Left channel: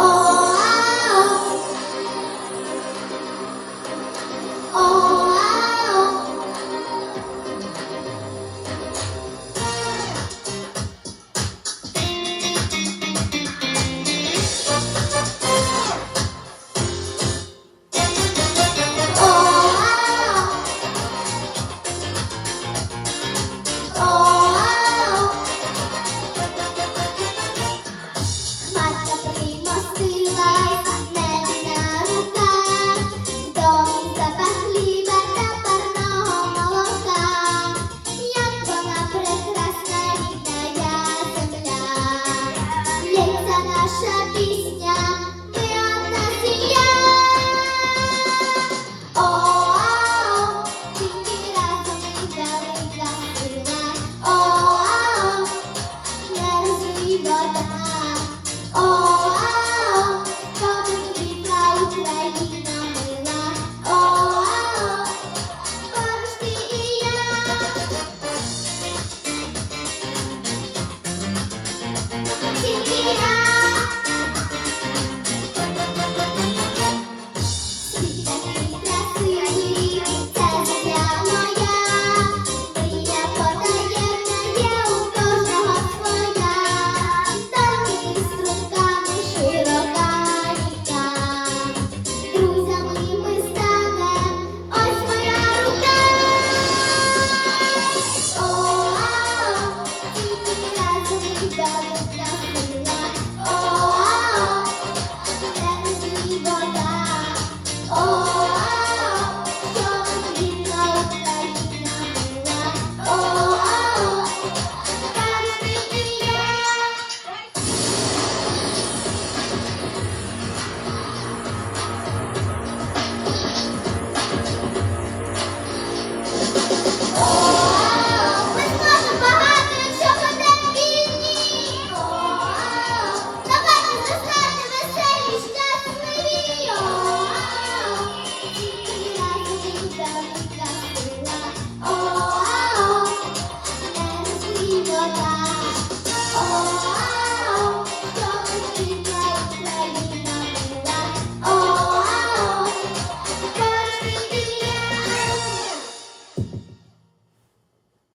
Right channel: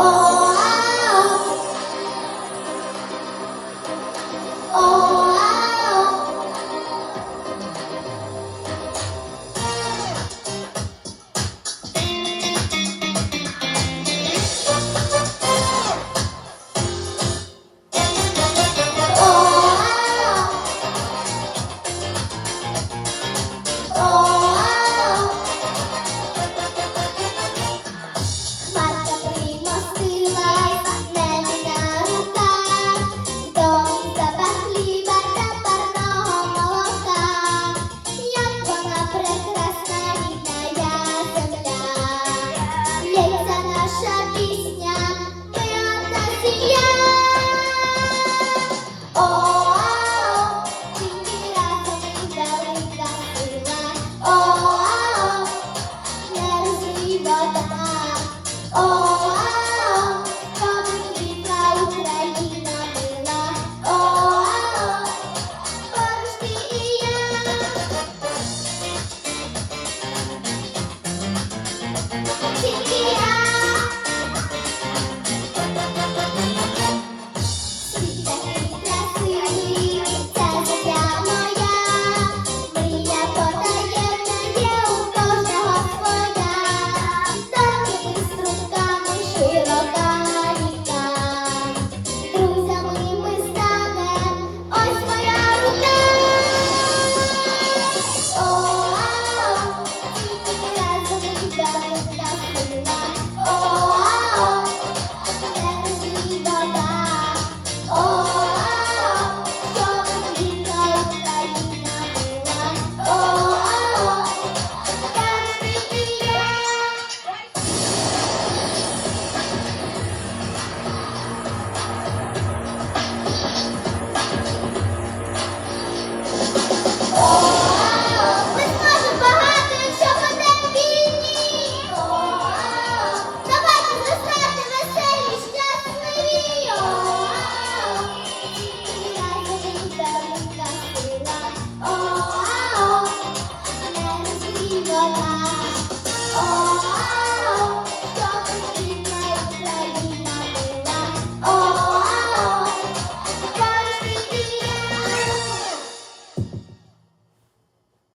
Oh.